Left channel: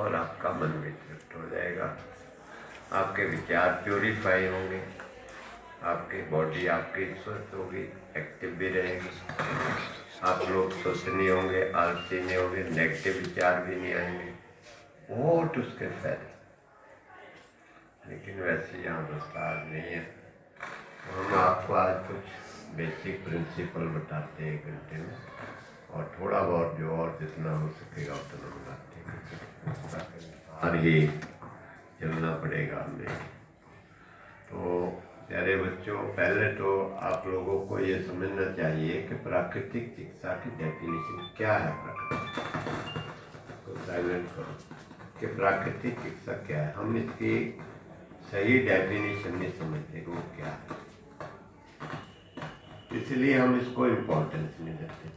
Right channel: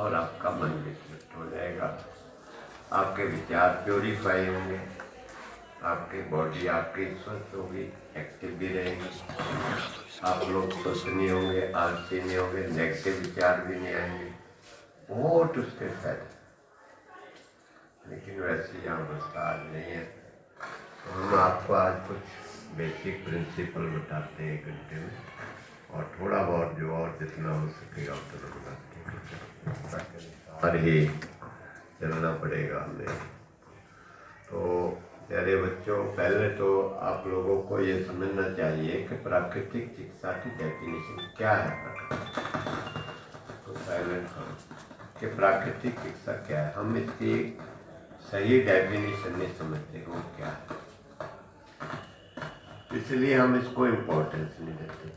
और आपका मन भी तृप्त हो जाएगा, आपके विचार प्योरीफाई होंगे, आपकी बॉडी आपकी स्वस्थ होगी, एक्टिव भी रहेगी, आप लोग स्वस्थ नहीं होंगे, आलसी नहीं होंगे, नेगेटिव विचार भी नहीं आएंगे, बहुत उसके फायदे। लेकिन वैसे यहाँ विस्तार नहीं है। हम आपको आज कुछ बेसिक प्रिंसिपल बताते हैं 1 घंटे में, और थोड़ा बहुत जो और जितना हो सकेगा उतना बताते हैं। और ही चलना पड़ेगा हमें। तो प्यारे बच्चों, पहले तो आप लोगों को ये समझना चाहिए कि प्राकृतिक चिकित्सा की डेफिनेशन क्या है। तो साइलेंट करो कि प्राकृतिक चिकित्सा क्या है। हम इसकी सही डेफिनेशन नहीं समझते वो क्या है, इसलिए हम इसको इम्पोर्टेंस नहीं देते।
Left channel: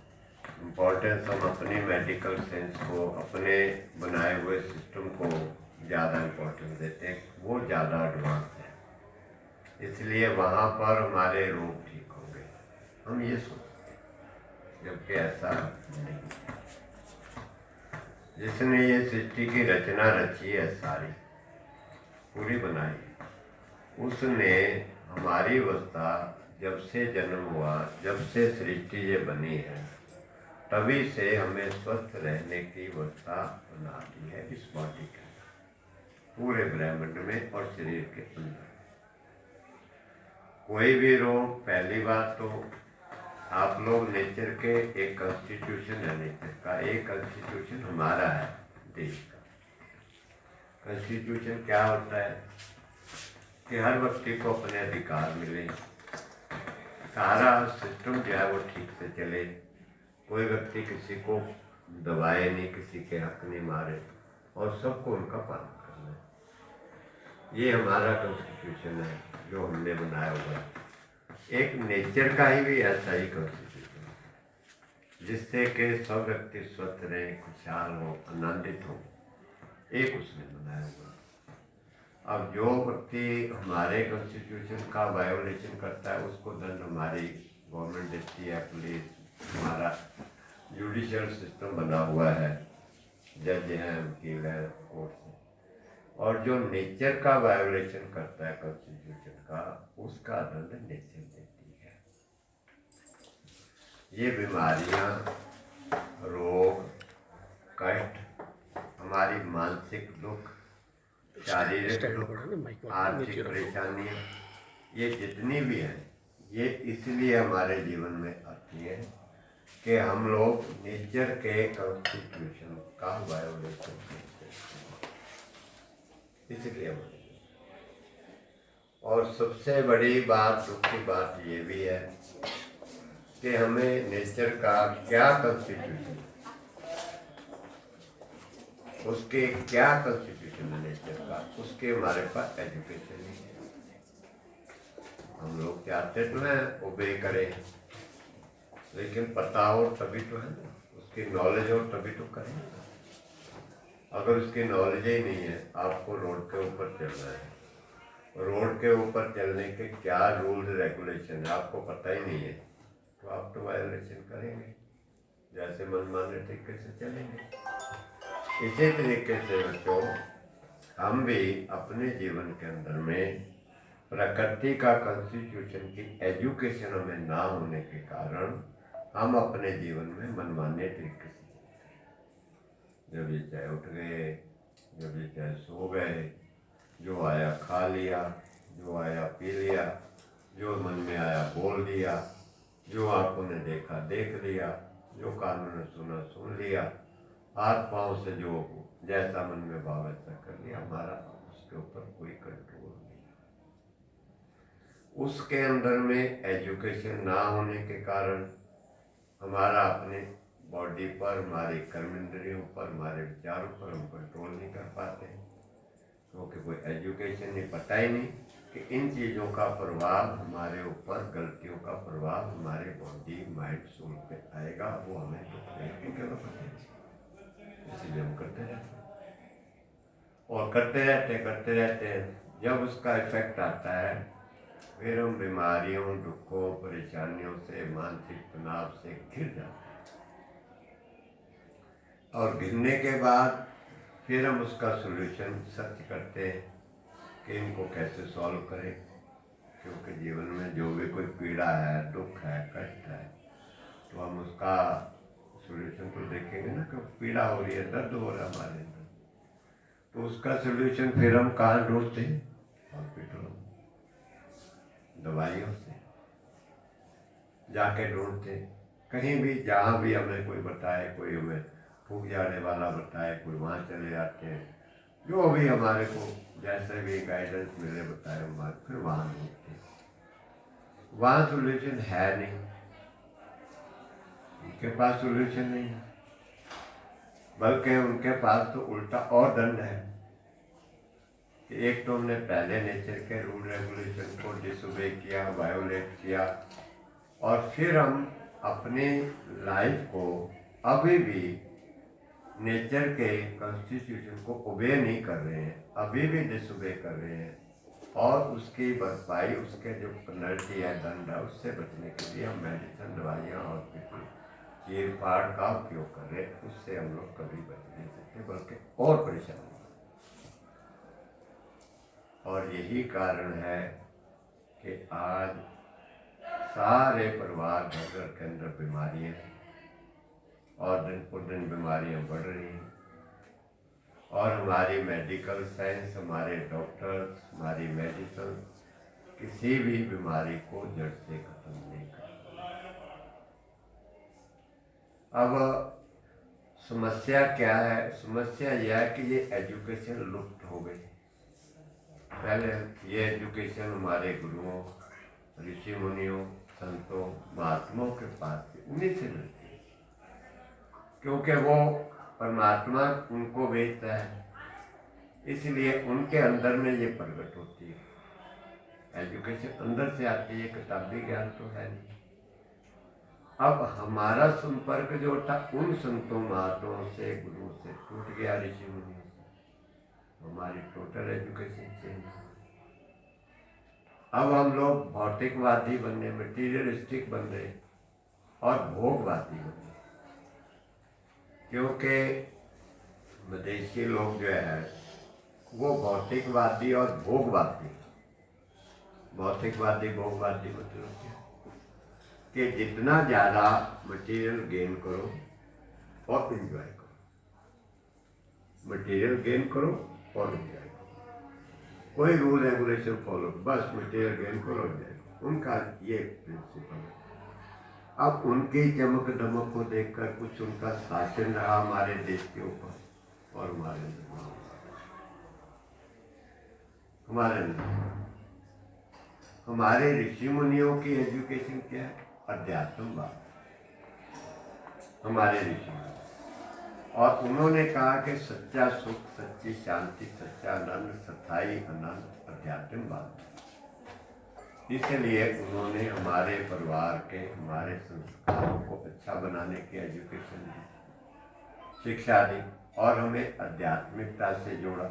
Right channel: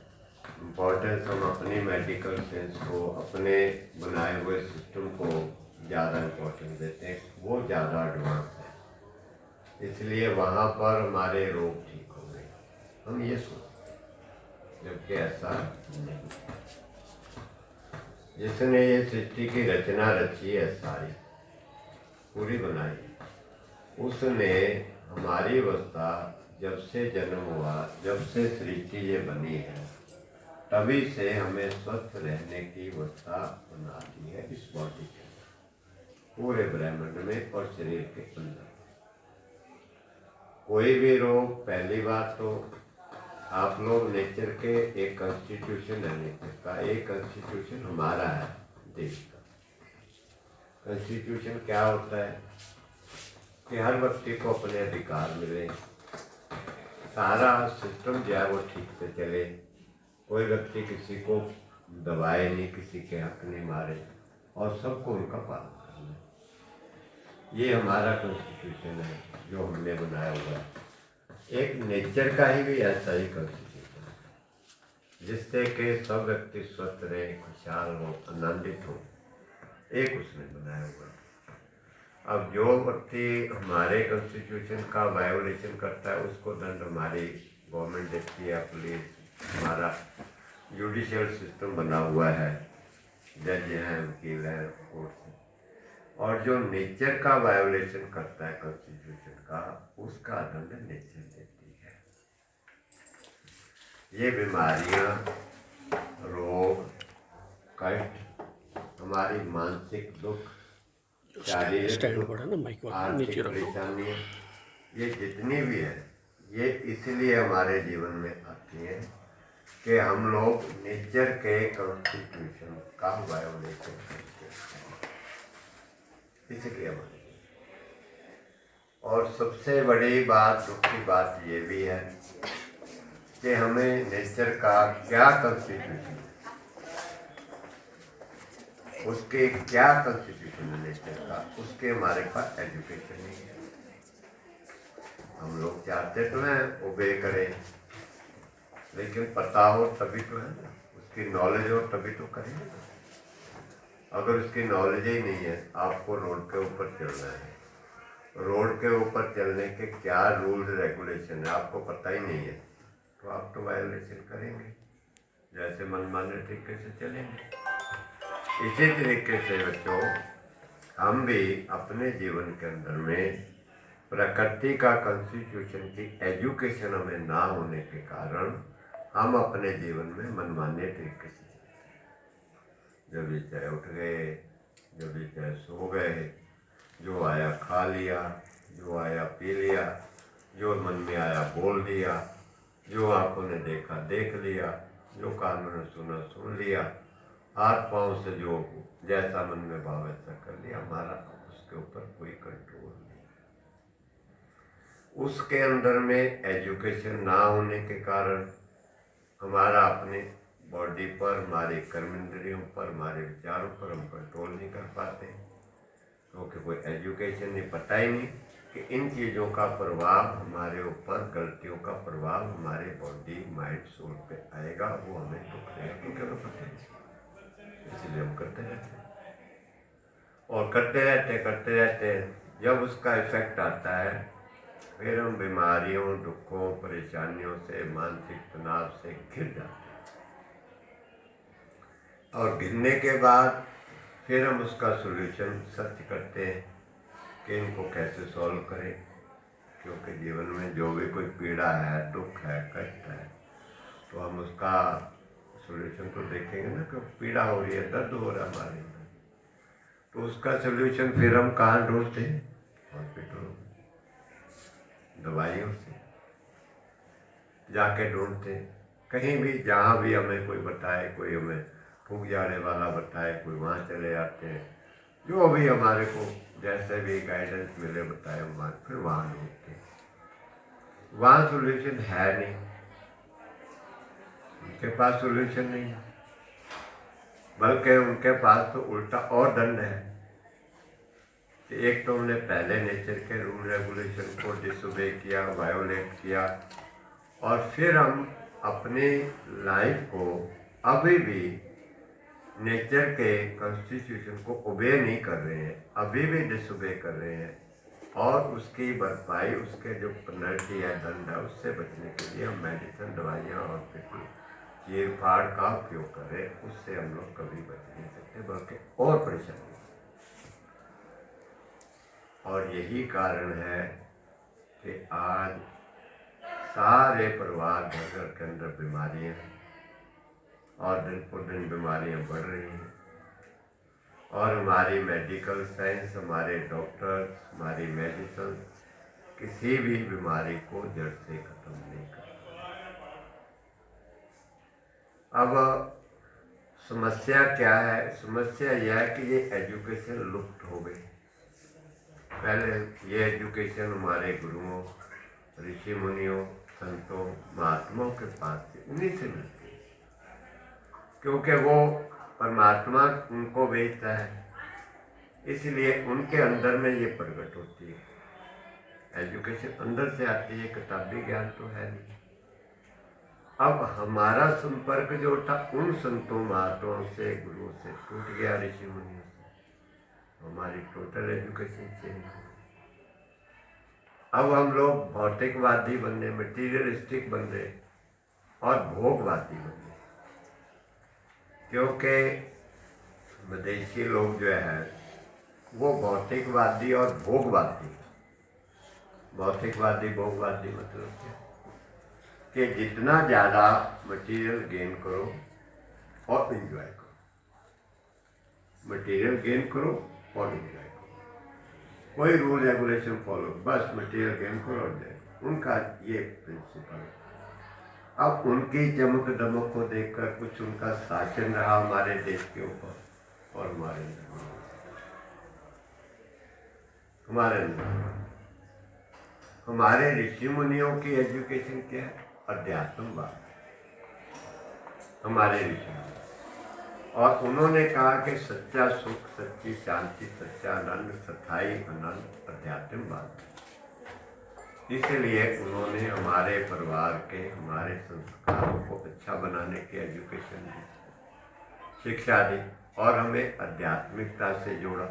इम्पोर्टेंस हम अपनी मेडिकल साइंस को, अपने बनाए हुए सिस्टम को ज़्यादा इम्पोर्टेंस देते हैं, वो ज़्यादा एडवांस है, इसलिए वहाँ पर हमारे रोग ठीक होंगे, हम ये सोचते हैं, जबकि ऐसा नहीं है। जिसने ये सृष्टि की रचना रची है, सारी पूरी बनाई, उसने हमारी अवस्था जब से जन्म हुआ, जब से सृष्टि ये बनी है, तभी से हमें स्वस्थ रहने की अवस्था बना दी है इस बॉडी के पूरे ब्रह्मांड में और शरीर के अंदर। कोई भी रोग, पहली बात तो आप लोग नेचर के एक कॉन्स्टिट्यूशन है, नेचर का एक कॉन्स्टिट्यूशन हमारा है देश का। कॉन्स्टिट्यूशन क्या होता है कि हर व्यक्ति को अपने अधिकार मिले, सारा सिस्टम जो है वो ठीक से चले, कोई व्यक्ति किसी को दबाए नहीं, किसी के हक नहीं मारे, और सबको उनका पालन करना है। ये हमारा कॉन्स्टिट्यूशन है जो हमने बनाया हुआ है। एक नेचर का ही भी ऐसा ही कॉन्स्टिट्यूशन है, जिससे कि सब व्यक्ति स्वस्थ रहे, खुशहाल हो, आनंदित हो, एक उसने बनाया हुआ है। अब जो व्यक्ति हमारे कॉन्स्टिट्यूशन का वायोलेशन करता है, उसको दंड हमारी गवर्नमेंट देती है, पुलिस, हमारा जुडिशियल सिस्टम बना हुआ है, जज हैं, वकील है, कोर्ट है। और जो नेचर का वायोलेशन करता है कॉन्स्टिट्यूशन का, उसका दंड नेचर देती है। ये बीमारियां, रोग, कष्ट, हमारी मानसिक दुख, शारीरिक दुख, आर्थिक परेशानियाँ, ये जितनी भी हैं, ये इसलिए हमारे जीवन में आती हैं कि हम लोग नेचर के कॉन्स्टिट्यूशन का वायोलेशन करते हैं, इसलिए हमारे। और सबसे बड़ी बात, दुख की बात ये भी है कि हमें नेचर का क्या कॉन्स्टिट्यूशन, उसके क्या कॉन्स्टिट्यूशन है नेचर का, उसके हमारे पास एजुकेशन नहीं है। हम लोग चाहते तो हैं ओबे करें, लेकिन पता हो तभी तो है ना, उसकी नॉलेज हो तभी तो करें। अगर उसकी नॉलेज ही नहीं है, आपको रोड के ऊपर चलना है, रोड के ऊपर चलने के क्या रूल रेगुलेशन है आपको पता ही नहीं है, तो आप तो वायोलेशन करेंगे, जैसे मनमाने तरीके से चलेंगे। इसी तरीके से बच्चों, हम भी अपने जीवन के अंदर में प्रकृति का कॉन्स्टिट्यूशन की एजुकेशन हमें ना होने के कारण हम अपने जीवन में मनमाने तरीके से चलते हैं। जब भी चाहे उठ गए, जब भी चाहे सो गए, जो आया खा लिया, जो आया पी लिया, जो मन में आया बोल दिया, जो आंखों ने देखा देख लिया, जो कानों ने सुना सुन लिया, हाथ पांव से जो जैसा मन में भाव ऐसा कर लिया। हमारा उसके ऊपर कोई कंट्रोल नहीं। उसके अंदर में एजुकेशन ना होने के कारण हमारा अपने बॉडी पर, हमारे कर्मेंद्रियों पर, हमारे विचारों पर हम कंट्रोल नहीं कर पाते, क्योंकि कोई एजुकेशन नहीं, पता ही नहीं कि इन चीज़ों का प्रभाव हमारे ऊपर, गलतियों का प्रभाव हमारे बॉडी, माइंड, सोल पे आएगा, वो हमें दुख देगा, क्योंकि हमें पता नहीं, इसलिए हम करते रहते हैं और करते रहते जब उसका इफेक्ट आता है, फिर हम बीमारियों, दुखों, परेशानियों से, मानसिक तनाव से घिर जाते हैं। और गिरने के बाद फिर हम उसका सॉल्यूशन सर्च करते हैं कि इनको कैसे सॉल्व करें, क्योंकि जीवन में जो भी कोई पीड़ा है, दुख है, कष्ट है, तो हम उसका सॉल्यूशन तो देखेंगे ना कि पीड़ा हो रही है, दर्द हो रहा है हमारे अंदर, तो उसका सॉल्यूशन फिर हम कहाँ ढूंढते हैं? हॉस्पिटलों में, दवाइयों से जाके ढूंढते हैं। कहीं भी जहाँ भी हमें कोई बताए, कोई हमें फूक जाने वाला बताए, कोई वहाँ चले जाते हैं, जो भी हमारे को जैसे भी गाइडेंस मिले बताए वहाँ, फिर वहाँ ढूंढते हैं। वहाँ सॉल्यूशन है नहीं, उनके पास सॉल्यूशन नहीं है, बल्कि उनके पास तो उल्टा और दंड है कि एक तो हमने पहले नेचर के रूल रेगुलेशन को डिसोबे किया, वायोलेट किया, और फिर हम अपनी लाइफ को अभी भी नेचर के कॉन्स्टिट्यूशन को ओबे नहीं कर रहे हैं, अभी भी डिसोबे कर रहे हैं, और उसकी भरपाई, उसके जो पेनल्टी है, दंड है, उससे बचने के लिए हम मेडिसिन, दवाइयाँ, हॉस्पिटल, चीर फाड़ का उपयोग करें। उससे हम लोग कभी बच नहीं सकते, बल्कि और परेशानी। और यही कारण है कि आज सारे परिवार, घर घर के अंदर बीमारियाँ, और दिन पर दिन बीमारियाँ बढ़ रही हैं, और हमारी मेडिकल साइंस, हमारे डॉक्टर्स, हमारी मेडिसिन किसी भी बीमारी को जड़ से खत्म नहीं कर। अब समस्या क्या है? समस्या यह है कि ये एजुकेशन लुप्त हो गई। पहले ये एजुकेशन हमारे गुरुओं, ऋषि मुनियों, संतों, महात्माओं के पास थी, उन्हीं से मिलती, क्योंकि वो परमात्मा उनको भेजता है, इसलिए उनके अंदर में ये प्रकट होती है। एजुकेशन अंदर से आती है, किताबी ज्ञान तो है नहीं। अब हमारा संपर्क जो था उन संतों, महात्माओं से, गुरुओं से टूट गया, ऋषि मुनियों से, हमारी टोटल एजुकेशन चेंज हो गई। अब हम लोग भौतिकवादी बनने, मटीरियलिस्टिक बनने और भोगवादी बनने, क्योंकि विदेशी लोग जो है वो भौतिकवादी और भोगवादी। भौतिकवादी, भोगवादी मतलब क्या? कि जितना ज़्यादा मटेरियल गेन करो और एंजॉय करो, मटेरियल गेन करो और एंजॉय करो, कोई रूल रेगुलेशन फॉलो, बस मटेरियल गेन करो और जाए, उनका ये प्रिंसिपल है। अब उनकी चमक दमक को देखकर कुछ उनका शासन रहा हमारे देश के ऊपर, और हमारे हमारे ऋषि मुनियों की एजुकेशन क्या है? अध्यात्मवाद। हमारे ऋषि मुनि, और उन्होंने कहा कि सच्चा सुख, सच्ची शांति, सच्चा आनंद, स्थायी आनंद अध्यात्मवाद। इसलिए उन्होंने हमारे परिवार के, हमारे संस्कारों को अच्छा बनाने की एजुकेशन दी, शिक्षा दी, और हमें आध्यात्मिकता से जोड़ा।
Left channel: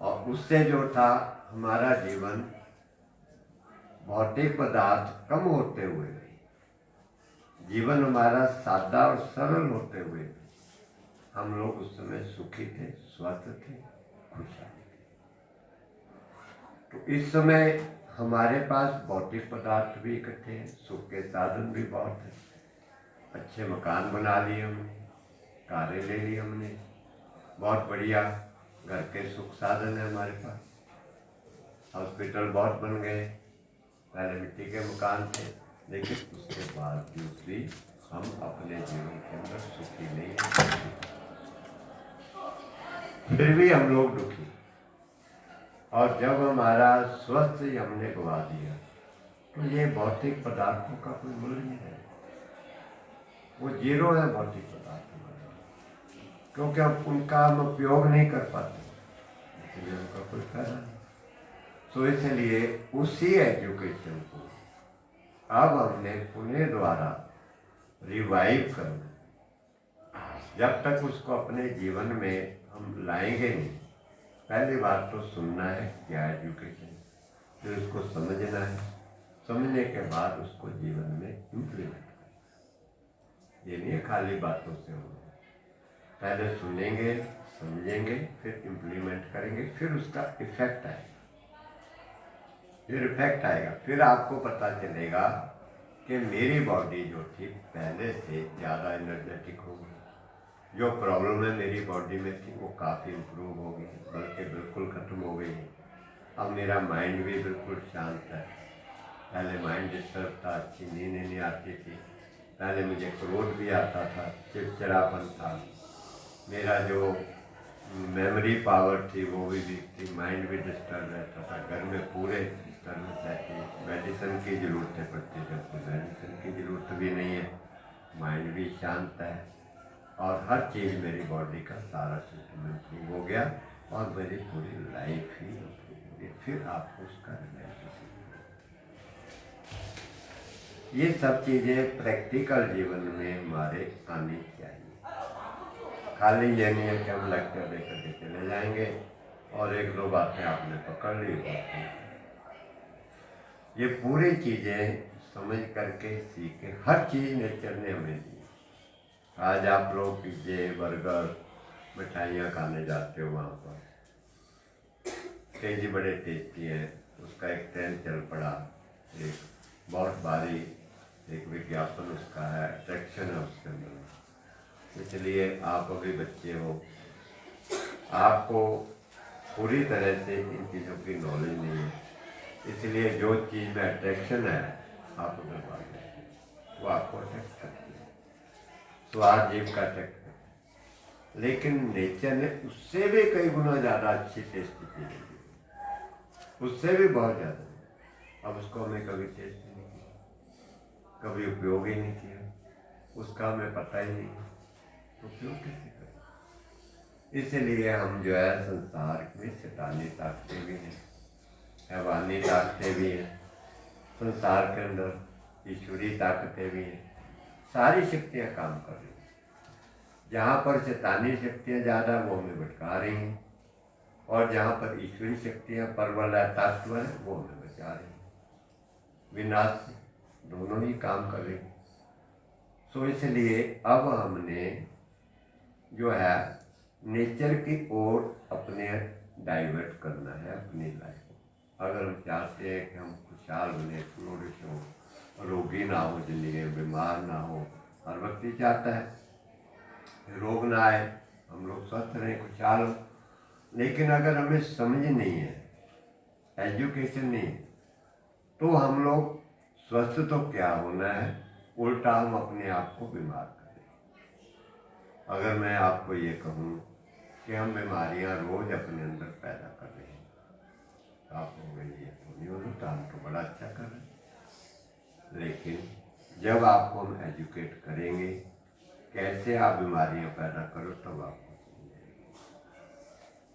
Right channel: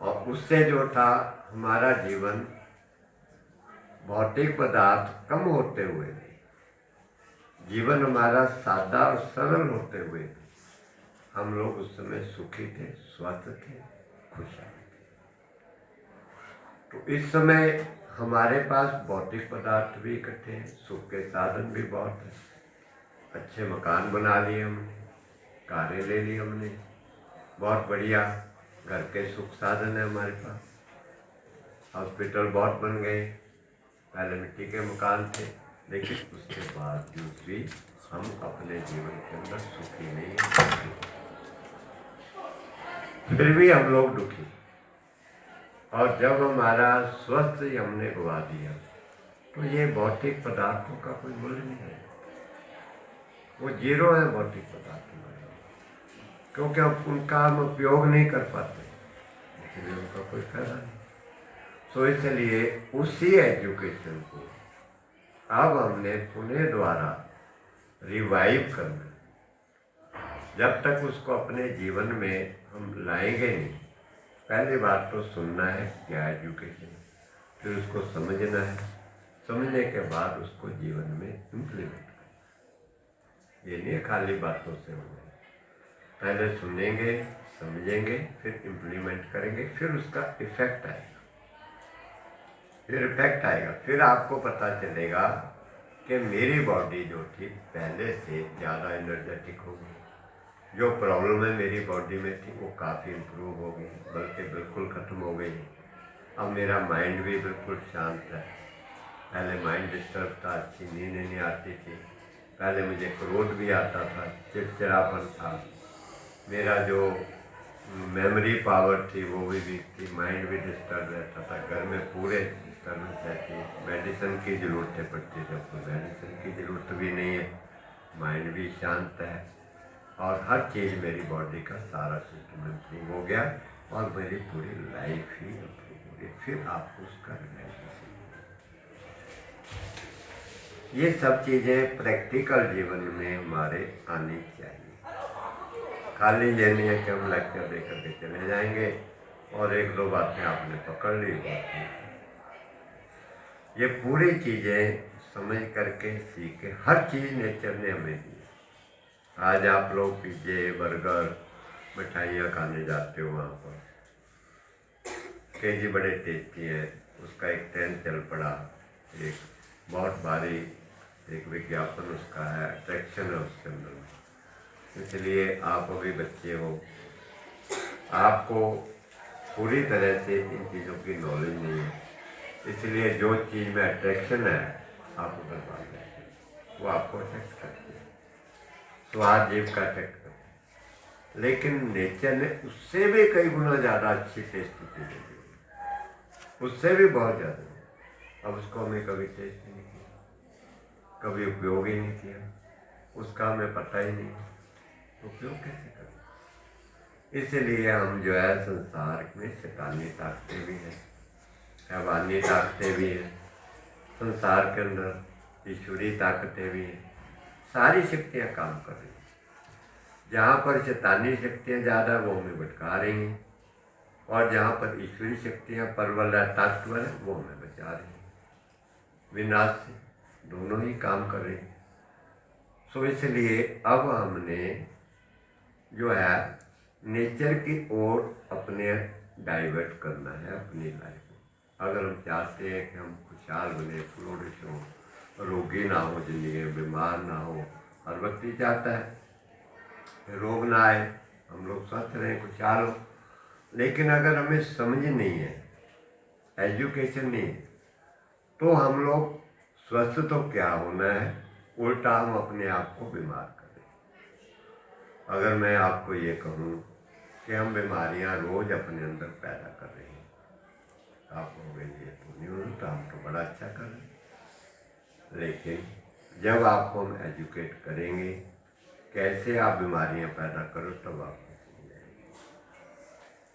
और उससे जो था हमारा जीवन भौतिक पदार्थ कम होते हुए, जीवन हमारा सादा और सरल होते हुए, हम लोग उस समय सुखी थे, स्वस्थ थे, खुशहाल थे। तो इस समय हमारे पास भौतिक पदार्थ भी इकट्ठे हैं, सुख के साधन भी बहुत हैं, अच्छे मकान बना लिए हमने, कारें ले ली हमने, बहुत बढ़िया घर के सुख साधन है हमारे पास, हॉस्पिटल बहुत बन गए, पहले मिट्टी के मकान थे, लेकिन उसके बावजूद भी हम अपने जीवन के अंदर सुखी नहीं हैं, फिर भी हम लोग दुखी। और जब हमारा स्वस्थ ही हमने गवा दिया, तो ये भौतिक पदार्थों का कोई मूल्य नहीं है, वो जीरो है भौतिक पदार्थ हमारे, क्योंकि हम उनका हम उपयोग नहीं कर पाते, इसलिए उनका कोई फायदा नहीं। तो इसलिए उसी एजुकेशन को अब हमने पुनः द्वारा रिवाइव करना। जब तक उसको अपने जीवन में हम लाएंगे नहीं, पहली बात तो सुनना है क्या एजुकेशन, फिर उसको समझना है, समझने के बाद उसको जीवन में इम्प्लीमेंट करना। ये नहीं खाली बातों से होना है, पहले सुनेंगे, समझेंगे, फिर इम्प्लीमेंट करेंगे, फिर उसका इफेक्ट आएगा। फिर आपको पता चलेगा कि मेरी बॉडी जो थी पहले से ज़्यादा एनर्जेटिक हो गई, जो प्रॉब्लम है मेरी बॉडी में थी वो काफ़ी इम्प्रूव हो गई, बल्कि बिल्कुल ख़त्म हो गई। अब मेरा माइंड भी बिल्कुल शांत है। पहले माइंड डिस्टर्ब था, अच्छी नींद नहीं आती थी, पहले मुझे क्रोध भी आता था, चिड़चिड़ापन था, मेरा जो मेमोरी पावर थी वो भी वीक थी, माइंड भी डिस्टर्ब रहता था, घर में पूरे डिस्टर्बेंस रहती है, मेडिसिन की ज़रूरतें पड़ती थी। अब तो मेडिसिन की ज़रूरत भी नहीं है, माइंड भी शांत है और हर चीज़ मेरी बॉडी का सारा सिस्टम इम्प्रूव हो गया और मेरी पूरी लाइफ ही इम्प्रूव हो गई। फिर आपको उसका रियलाइजेशन, ये सब चीज़ें प्रैक्टिकल जीवन में हमारे आनी चाहिए। खाली ये नहीं है कि हम लेक्चर दे करके चले जाएंगे और एक दो बातें आपने पकड़ ली होती हैं। ये पूरी चीज़ें समझ करके सीखे, हर चीज़ नेचर ने हमें दी। आज आप लोग पिज्जे बर्गर मिठाइयाँ खाने जाते हो, वहाँ पर केजी बड़े टेस्टी हैं, उसका एक ट्रेंड चल पड़ा, एक बहुत भारी एक विज्ञापन उसका है, अट्रैक्शन है उसके अंदर। इसलिए आप अभी बच्चे हो, आपको पूरी तरह से इन चीज़ों की नॉलेज नहीं है, इसलिए जो चीज़ में अट्रैक्शन है आप उधर भाग जाते हैं, वो आपको अट्रैक्ट करती है, स्वाद जीव का अट्रैक्ट करती है। लेकिन नेचर ने उससे भी कई गुना ज़्यादा अच्छी टेस्ट चीज़ें दी, उससे भी बहुत ज़्यादा। अब उसको हमें कभी टेस्ट नहीं किया, कभी उपयोग ही नहीं किया, उसका हमें पता ही नहीं, तो उपयोग कैसे करें? इसीलिए हम जो है संसार में शैतानी ताकतें भी हैं, हैवानी ताकतें भी हैं, संसार के अंदर ईश्वरी ताकतें भी हैं, सारी शक्तियाँ काम कर रही हैं। जहाँ पर शैतानी शक्तियाँ ज़्यादा वो हमें भटका रही हैं और जहाँ पर ईश्वरी शक्तियाँ परबल है, ताकतवर है, वो हमें बचा रही हैं विनाश से, दोनों ही काम कर रही हैं। सो इसलिए अब हमने जो है नेचर की ओर अपने डाइवर्ट करना है अपनी लाइफ को। अगर हम चाहते हैं कि हम खुशहाल बने, फ्लोरिश हो, रोगी ना हो, जिंदगी में बीमार ना हो, हर व्यक्ति चाहता है रोग ना आए, हम लोग स्वस्थ रहें, खुशहाल हो। लेकिन अगर हमें समझ नहीं है, एजुकेशन नहीं है, तो हम लोग स्वस्थ तो क्या होना है, उल्टा हम अपने आप को बीमार करें। अगर मैं आपको ये कहूँ कि हम बीमारियां रोज अपने अंदर पैदा कर रहे हैं, आप कहोगे ये तो नहीं होता, हम तो बड़ा अच्छा कर रहे हैं। लेकिन जब आपको हम एजुकेट करेंगे कैसे आप बीमारियां पैदा करो, तब आपको समझ आएगी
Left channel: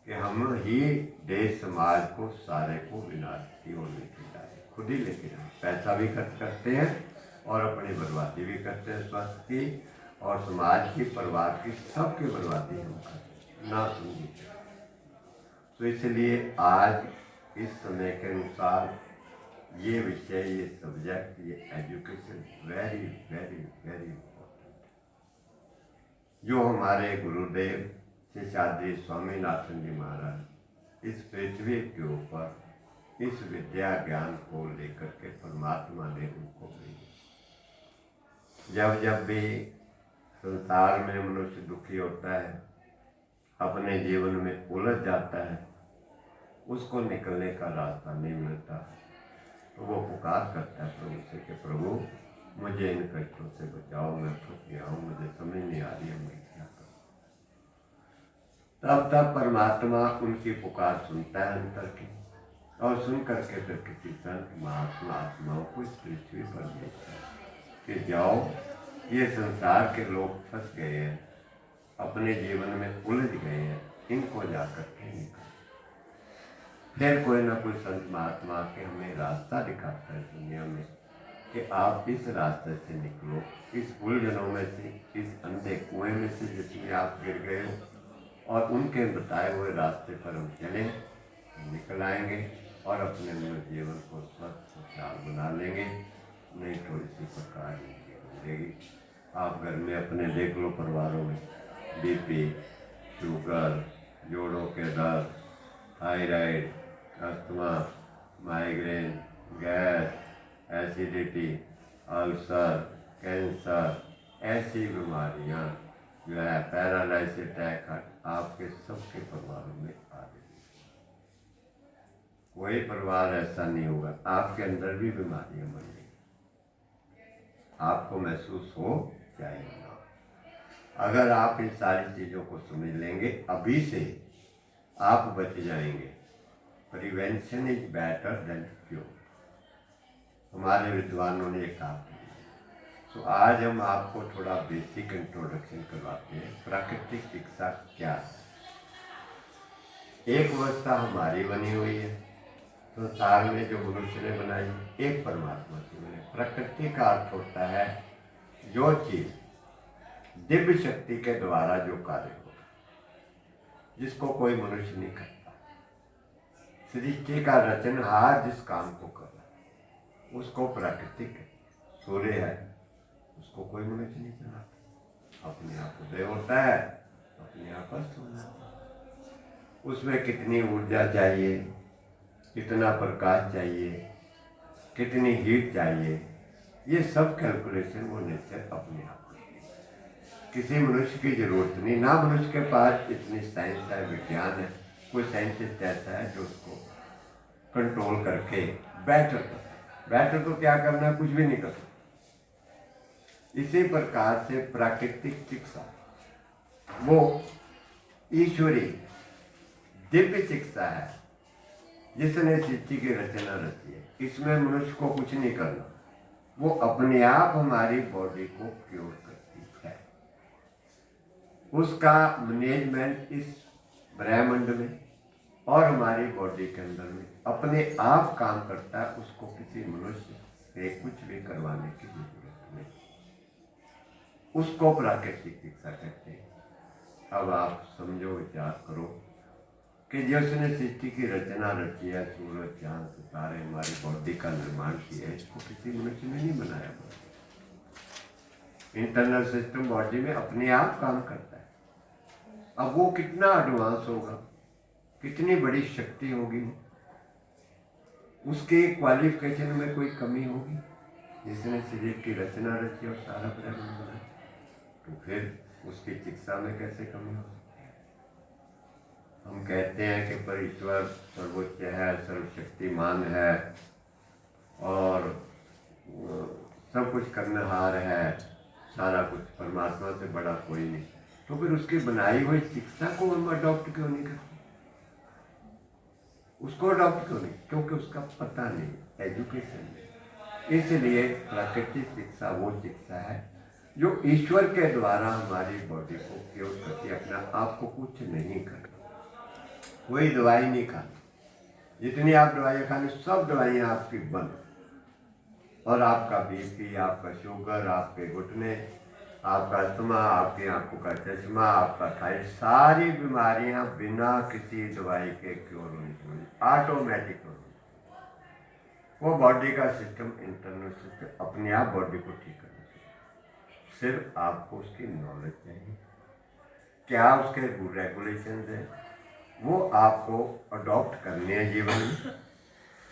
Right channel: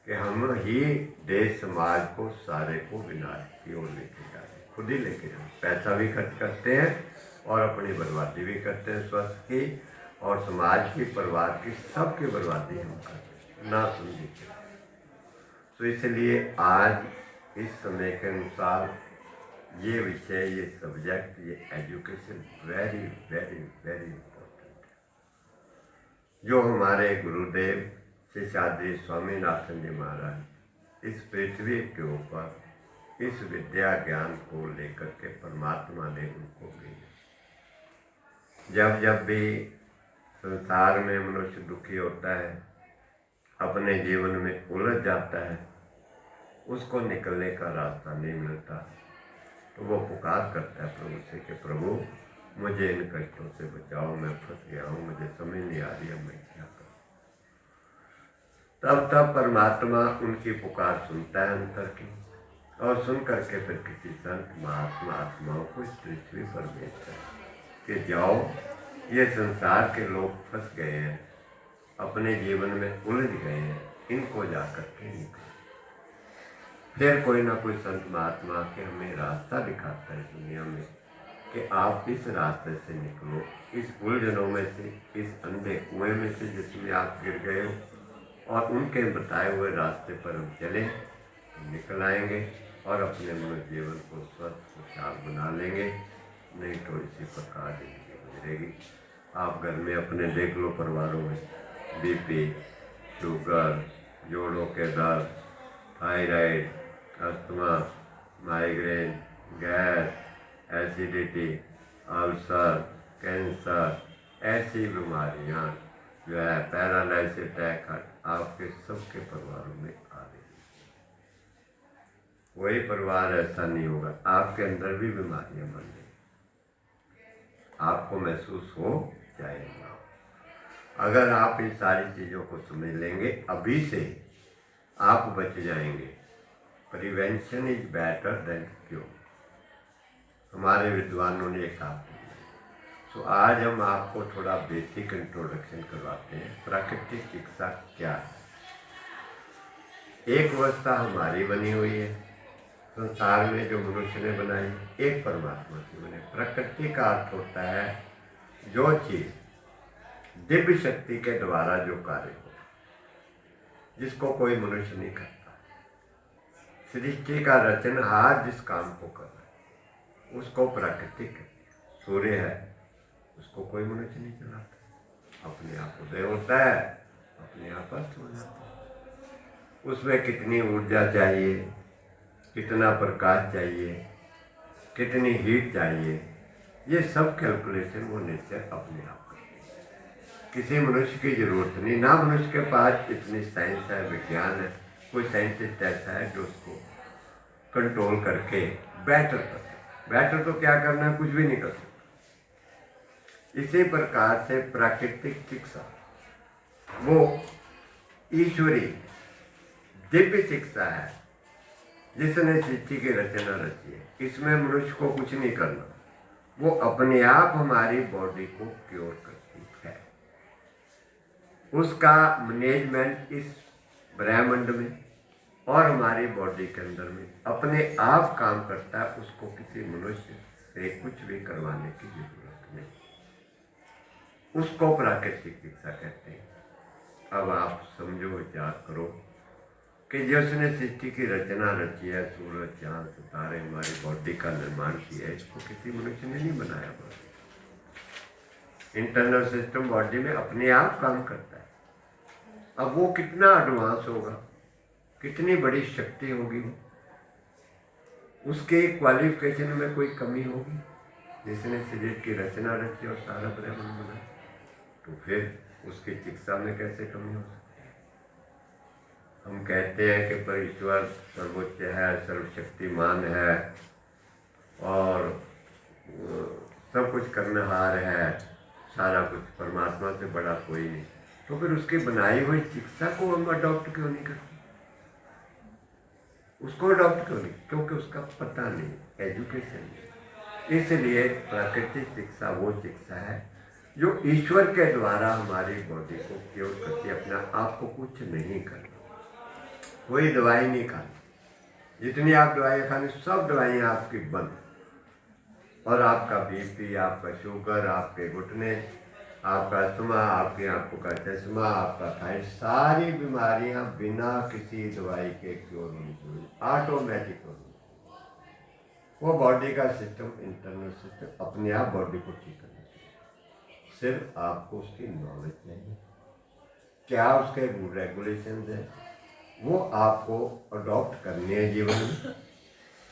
कि हम ही देश समाज को सारे को विनाश की ओर लेके जा रहे हैं, खुद ही लेके जा रहे हैं। पैसा भी खर्च करते हैं और अपनी बर्बादी भी करते हैं, स्वास्थ्य की और समाज की, परिवार की, सबकी बर्बादी हम करते हैं ना समझे। तो इसलिए आज इस समय के अनुसार ये विषय, ये सब्जेक्ट, ये education very very very important है। जो हमारे गुरुदेव शेषाद्रि स्वामीनाथन जी महाराज इस पृथ्वी के ऊपर इस विद्या ज्ञान को लेकर के परमात्मा ने उनको भेजा। जब जब भी संसार में मनुष्य दुखी होता है, अपने जीवन में उलझ जाता है, उसको निकलने का रास्ता नहीं मिलता, तो वो पुकार करता है प्रभु से कि प्रभु मुझे इन कष्टों से बचाओ, मैं फंस गया हूँ, मुझे समझ नहीं आ रही है मैं क्या करूँ। तब परमात्मा उनकी पुकार सुनता है अंतर की, और सुन करके फिर किसी संत महात्मा आत्माओं को इस पृथ्वी पर भेजता है कि जाओ, ये संसार के लोग फंस गए हैं, अपने जीवन में उलझ गए हैं, इनको जाकर के निकलो। फिर कोई ना कोई संत महात्मा के हमें रास्ता दिखाता है दुनिया में कि आप इस रास्ते से निकलो, इस उलझनों में से, इस अंधे कुएं में से जिसमें आप गिर गए हो, और उनके बताए हुए रास्ते पर हम चले, निकल आएंगे और अपने मनुष्य जीवन को स्वस्थ खुशहाल बना लेंगे। नहीं तो इसी प्रकार जिंदगी गुजरेगी। आप घर में अपने देख लो, परिवारों में बीपी, शुगर, जोड़ों के दर्द, thyroid, asthma, migraine, gas, acidity, ulcer, cancer, ऐसी बीमारियां जो है पैरालाइसिस, अटैक आपके सबके परिवारों में आ रही है। कोई परिवार ऐसा नहीं होगा, आपके अंदर भी बीमारियां बन गई, आपको महसूस हो जाएगा। अगर आप इन सारी चीज़ों को समझ लेंगे अभी से, आप बच जाएंगे। Prevention is better than cure, हमारे विद्वानों ने कहा। तो आज हम आपको थोड़ा बेसिक इंट्रोडक्शन करवाते हैं। प्राकृतिक चिकित्सा क्या है? एक व्यवस्था हमारी बनी हुई है संसार में, जो मनुष्य ने बनाई, एक परमात्मा की बनी। प्रकृति का अर्थ होता है जो चीज दिव्य शक्ति के द्वारा जो कार्य हो, जिसको कोई मनुष्य नहीं करता। सृष्टि का रचनहार जिस काम को कर रहा है उसको प्राकृतिक। सूर्य है, उसको कोई मनुष्य नहीं चलाता, अपने आप उदय होता है, अपने आप अस्त हो जाता है। उसमें कितनी ऊर्जा चाहिए, कितना प्रकाश चाहिए, कितनी हीट चाहिए, ये सब कैलकुलेशन वो नेचर अपने आप करती है। किसी मनुष्य की जरूरत नहीं, ना मनुष्य के पास इतनी साइंस है, विज्ञान है। कोई साइंटिस्ट ऐसा है जो उसको कंट्रोल करके बेटर कर। बेटर तो क्या करना है, कुछ भी नहीं कर सकता। इसी प्रकार से प्राकृतिक चिकित्सा वो ईश्वरी दिव्य चिकित्सा है जिसने सृष्टि की रचना रची है। इसमें मनुष्य को कुछ नहीं करना, वो अपने आप हमारी बॉडी को क्योर करती है। उसका मैनेजमेंट इस ब्रह्मांड में और हमारी बॉडी के अंदर में अपने आप काम करता है। उसको किसी मनुष्य से कुछ भी करवाने की जरूरत नहीं। उसको प्राकृतिक चिकित्सा कहते हैं। अब आप समझो, विचार करो कि जिसने सृष्टि की रचना रची है, सूरज, चांद, सितारे, हमारी बॉडी का निर्माण किया है, इसको किसी मनुष्य ने नहीं बनाया। बॉडी इंटरनल सिस्टम बॉडी में अपने आप काम करता है। अब वो कितना एडवांस होगा, कितनी बड़ी शक्ति होगी, उसके क्वालिफिकेशन में कोई कमी होगी? जिसने शरीर की रचना रची और सारा ब्रह्मांड बना, तो फिर उसकी चिकित्सा में कैसे कमी हो सकती है? हम कहते हैं कि पर ईश्वर सर्वोच्च है, सर्वशक्तिमान है और सब कुछ करनेहार है, सारा कुछ परमात्मा से बड़ा कोई नहीं। तो फिर उसकी बनाई हुई चिकित्सा को हम अडॉप्ट क्यों नहीं करते? उसको अडॉप्ट क्यों नहीं? क्योंकि उसका पता नहीं, एजुकेशन नहीं। इसलिए प्राकृतिक चिकित्सा वो चिकित्सा है जो ईश्वर के द्वारा हमारी बॉडी को क्योर करती है। अपना आपको कुछ नहीं करना, कोई दवाई नहीं खानी। जितनी आप दवाइयाँ खानी, सब दवाइयाँ आपकी बंद। और आपका बीपी, आपका शुगर, आपके घुटने, आपका अस्थमा, आपकी आंखों का चश्मा, आपका थायराइड, सारी बीमारियां बिना किसी दवाई के क्योर होनी चाहिए, ऑटोमेटिक होनी। वो बॉडी का सिस्टम, इंटरनल सिस्टम अपने आप बॉडी को ठीक करना चाहिए। सिर्फ आपको उसकी नॉलेज चाहिए, क्या उसके रूल रेगुलेशन है, वो आपको अडॉप्ट करने हैं जीवन में।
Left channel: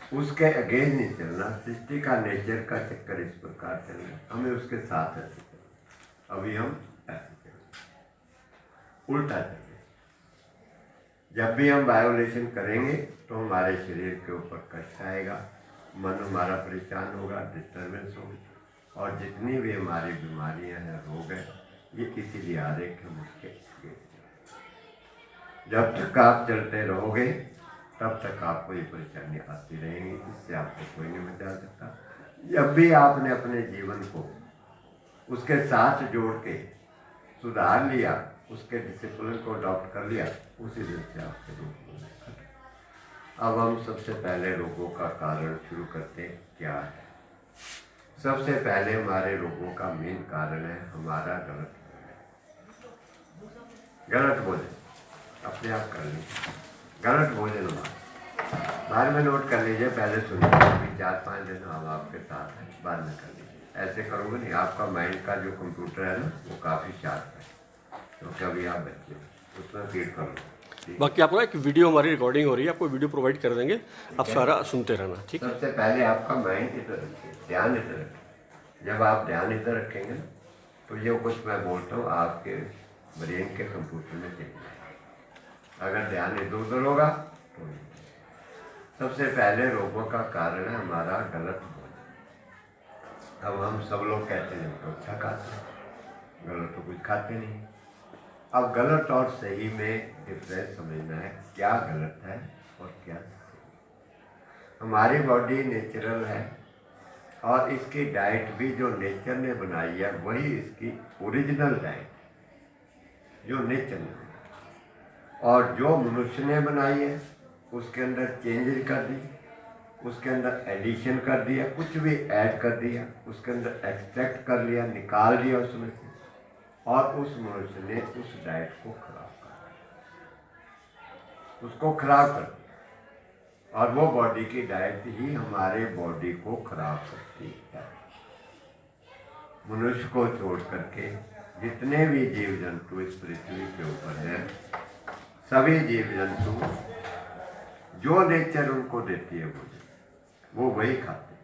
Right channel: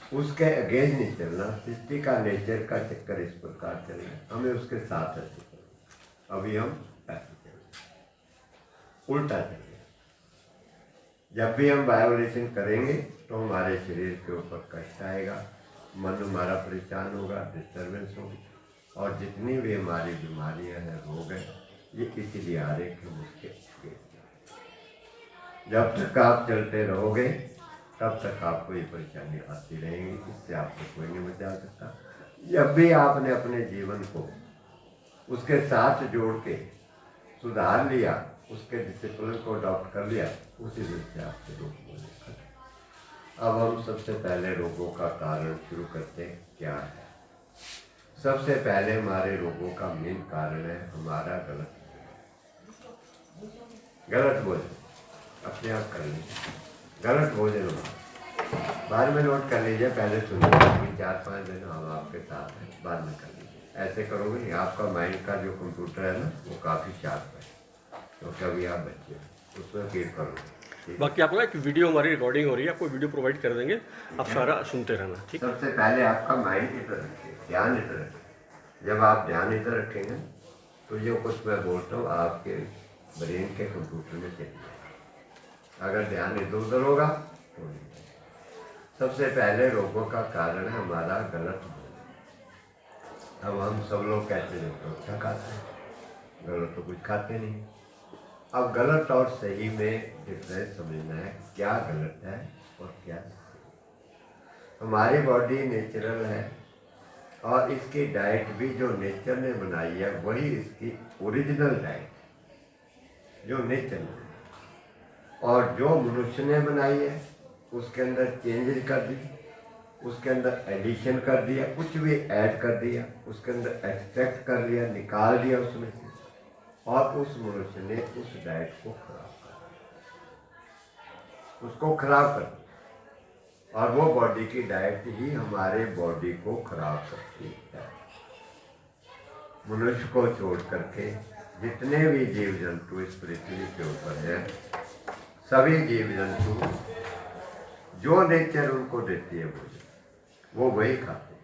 उसके अगेंस्ट नहीं चलना। सृष्टि का नेचर का चक्कर इस प्रकार चल रहा है, हमें उसके साथ ऐसे चलना। अभी हम ऐसे चल रहे, उल्टा चल रहे। जब भी हम वायोलेशन करेंगे तो हमारे शरीर के ऊपर कष्ट आएगा, मन हमारा परेशान होगा, डिस्टर्बेंस होगी, और जितनी भी हमारी बीमारियां हैं, रोग हैं, ये इसीलिए आ रहे कि मुझके। जब तक आप चलते रहोगे तब तक आपको ये परेशानी आती रहेंगी, इससे आपको कोई नहीं बचा सकता। जब भी आपने अपने जीवन को उसके साथ जोड़ के सुधार लिया, उसके डिसिप्लिन को अडॉप्ट कर लिया, उसी दिन से आपके रोग होने लगे। अब हम सबसे पहले रोगों का कारण शुरू करते हैं, क्या है? सबसे पहले हमारे रोगों का मेन कारण है हमारा गलत भोजन। अपने आप कर लीजिए, गलत भोजन हमारा बाद में नोट कर लीजिए, पहले सुनिए। अभी 4-5 दिन हम आपके साथ हैं, बाद में कर लीजिए। ऐसे करोगे नहीं, आपका माइंड का जो कंप्यूटर है ना, वो काफ़ी शार्प है, क्योंकि अभी आप बच्चे उसमें फीड करो। बाकी आपको एक वीडियो हमारी रिकॉर्डिंग हो रही है, आपको वीडियो प्रोवाइड कर देंगे, आप सारा सुनते रहना, ठीक है। सबसे पहले आपका माइंड इधर रखिए, ध्यान इधर रखिए। जब आप ध्यान इधर रखेंगे तो जो कुछ मैं बोलता हूँ आपके ब्रेन के कंप्यूटर में चली जाएगा। अगर ध्यान इधर उधर होगा तो नहीं। सबसे पहले रोगों का कारण है हमारा गलत भोजन। अब हम सब लोग कहते हैं तो अच्छा खाते हैं, गलत तो कुछ खाते नहीं। अब गलत और सही में डिफरेंस समझना है, क्या गलत है और क्या सही। हमारी बॉडी नेचुरल है और इसकी डाइट भी जो नेचर ने बनाई है वही इसकी ओरिजिनल डाइट जो नेचर ने बनाई। और जो मनुष्य ने बनाई है उसके अंदर चेंजेस कर दी, उसके अंदर एडिशन कर दिया, कुछ भी ऐड कर दिया, उसके अंदर एक्सट्रैक्ट कर लिया, निकाल दिया उसमें से, और उस मनुष्य ने उस डाइट को खराब कर दिया, उसको खराब कर दिया। और वो बॉडी की डाइट ही हमारे बॉडी को खराब करती है। मनुष्य को छोड़ करके जितने भी जीव जंतु इस पृथ्वी के ऊपर हैं, सभी जीव जंतु जो नेचर उनको देती है वो वही खाते हैं।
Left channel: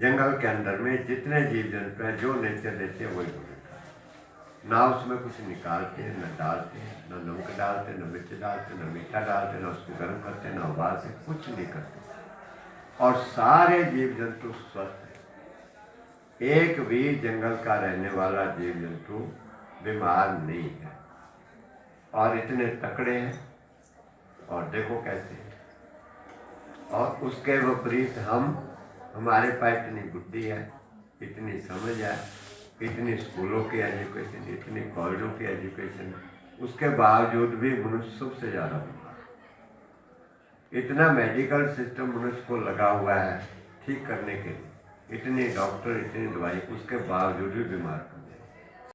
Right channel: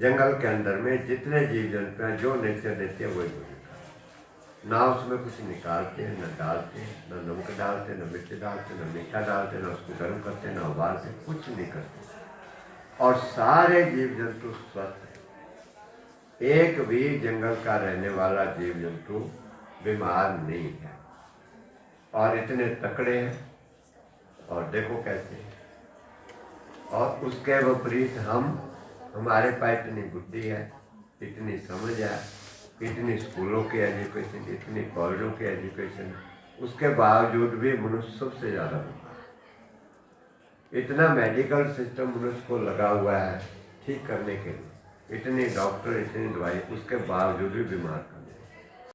जंगल के अंदर में जितने जीव जंतु हैं जो नेचर देते हैं वही खाते हैं। ना उसमें कुछ निकालते हैं, न डालते हैं, न नमक डालते, न मिर्च डालते, न मीठा डालते, न उसको गर्म करते, न उबालते, कुछ नहीं करते। और सारे जीव जंतु स्वस्थ हैं। एक भी जंगल का रहने वाला जीव जंतु बीमार नहीं है और इतने तकड़े हैं। और देखो कैसे हैं। और उसके विपरीत हमारे पास इतनी बुद्धि है, इतनी समझ है, इतनी स्कूलों की एजुकेशन, इतनी कॉलेजों की एजुकेशन, उसके बावजूद भी मनुष्य सबसे ज़्यादा बीमार है। इतना मेडिकल सिस्टम मनुष्य को लगा हुआ है ठीक करने के लिए, इतनी डॉक्टर, इतनी दवाई, उसके बावजूद भी बीमार करने।